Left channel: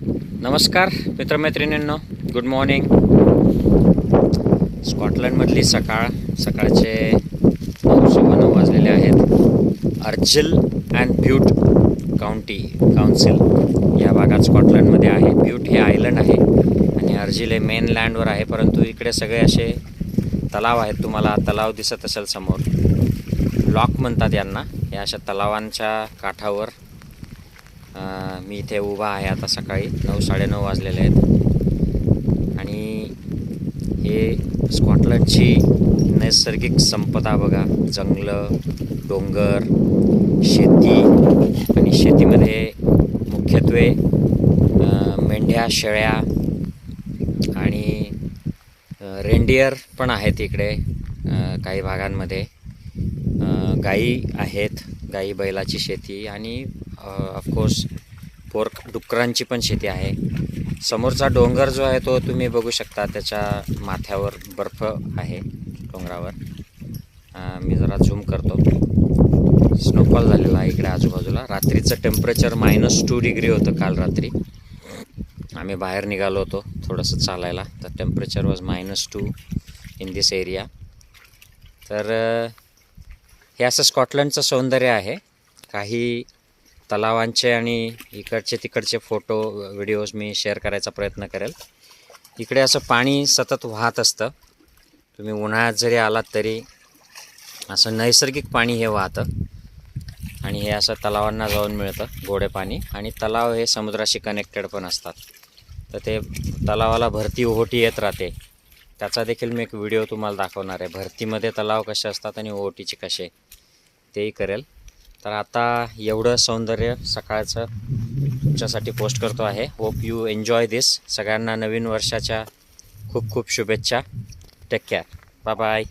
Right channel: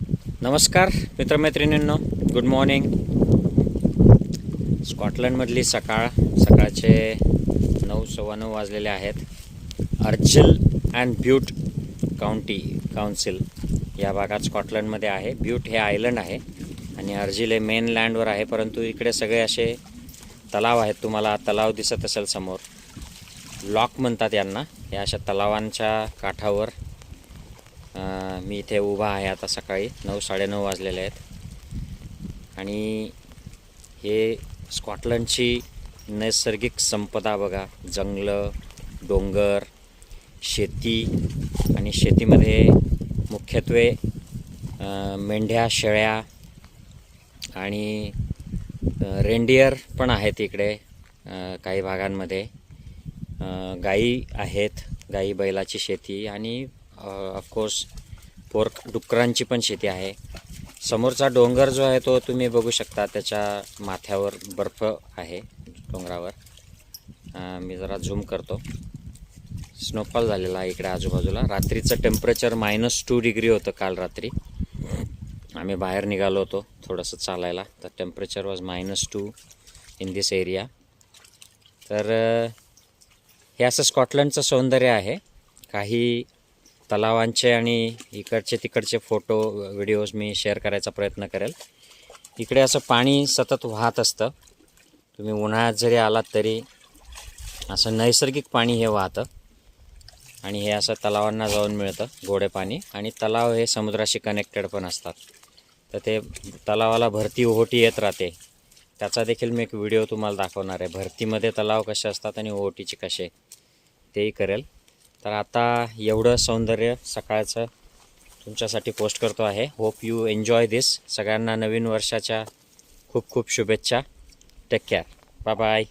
नमस्कार मित्रमैत्रिणींनो. Good morning स्कॉटलंडमधली सकाळ सकाळचे नऊ सव्वा नऊ वाजलेले आहेत. Argyll and Bute county council या भागात स्कॉटलंडमध्ये आहे. ब्यूट हे आयलंड आहे आणि अर्जिल हे मेन लँडवर आहे परंतु इकडे सगळे असे तलाव आहेत. तुम्हाला तलाव दिसत असेल समोर. लॉक म्हणतात यांना. या अशा तलावांच्या काठावर मी इथे उभा आहे आता सकाळी. नऊ साडेनऊ वाजलेले आहेत. आणि हे स्कॉटलंडची नैसर्गिक संपदा बघा. जंगलं डोंगर शेती आणि शेतीमध्ये मुख्यत्वे मेंढ्या शेळ्या आणि रेंडियर पण आहेत इकडे काही भागांमध्ये. गाई आहेत. गाई बैलाची शेती आणि ऑफकोर्स पोर्क डुकरांची पण शेती आहे. समोरचा डोंगर जो आहे तो तुम्ही बघू शकता त्याच्या माथ्यावर बर्फ आहे डोंगरावर. मी जरा झूम करतो. स्नोफॉल झालेला आहे इकडे आजूबाजूला. रात्रीचं टेम्परेचर मायनस टू डिग्री होतं काल रात्री. आम्ही बाहेर निघालो होतो थोडंसं चालायला. तर temperature was minus two in this area तर हे असं स्कॉटलंडचं सौंदर्य आहे. काही तलावांचे आणि इकडचे तिकडचे फोटो व्हिडिओज मी शेअर करायचा प्रयत्न करेल. इकडे असं पाणी सतत वाहत असतं. तुम्ही उन्हाळ्यात जरी आलात तरी असं नैसर्गिक पाणी हे वाहतं. आणि हे असं तलावांना जाऊन मिळतं गोडे पाणी. आणि तलाव हे समुद्राशी कनेक्टेड पण असतात. तर ते तलावाला भरती ओहोटी येत राहते. त्याचा देखील मी एक व्हिडिओ तुम्हाला दाखवणार आहे. भरतीमध्ये तलाव कसे असतात आणि ओहोटीचे कसे तेही करेल. तर आता एवढं सौंदर्य सकाळचं तुमच्यासाठी पोस्ट करतो आहे. होप यू एन्जॉय दिस सगळ्यांना नवीन वर्षाच्या खूप खूप शुभेच्छा. Take care bye bye